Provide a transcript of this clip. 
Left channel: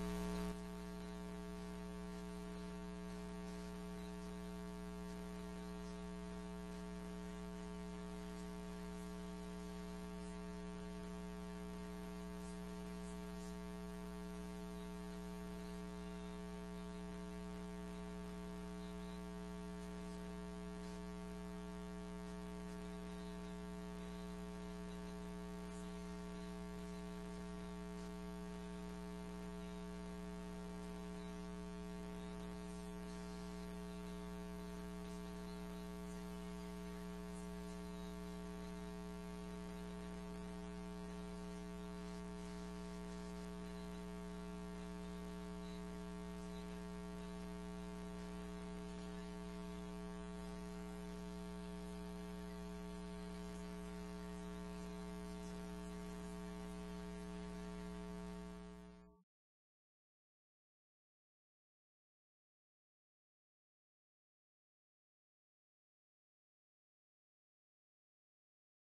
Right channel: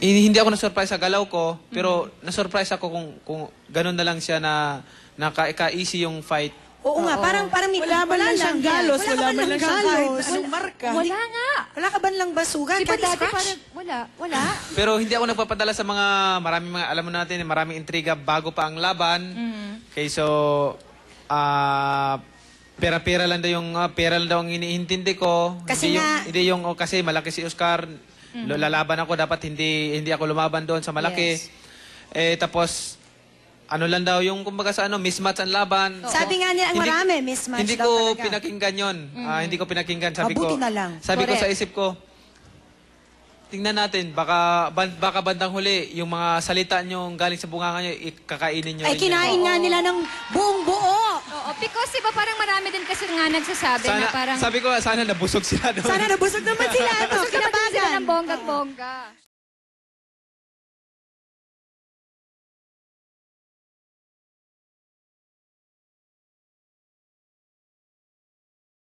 Hindi ako na-surprise sa galaw ko, pero na-surprise ako kung ganun na lang siya na ka-easy yung fight. Oo nga, parang may Wala man lang siyang galos, Wala ka wala man man lang siyang kahit galos. anong marka. Wala nga. Wala ka ba lang basugan? Di ba Kahit dati scratch? parang, wala. Pero hindi ako nagpapadala sa maraming mga, alam mo natin, maraming intriga bago pa ang laban. Okay, so, pera-pera lang daw pera lang daw ang iniintindi ko. Kasi hindi yung kasi malaki si Oscar, lalaban ako, dapat hindi ako lumaban doon sa malaki. Yes. Tapos, ano lang daw yung kumbaga sa mismatch ang laban. Sabi nga niya, ang marami, mismatch Hindi daw ko talaga. pinakinggan yun. Hindi ko pinakinggan. Sabi Mabuti ko, na lang. Sabi ko Correct. sa isip ko, tingnan natin, baka bandang huli, yung mga salita nyo galing sa bunganga nyo, ikakainin nyo. Ay, rin kinain yan. nga nila ng buong buo. Oo, because iba parang marami din kasi nga nagsasabi na parang... Sabi ko, sana nabusog sila doon. Sana nabusog naman sila. Ito, Gusto naman din sila kinabagan. ng bongga-bongga.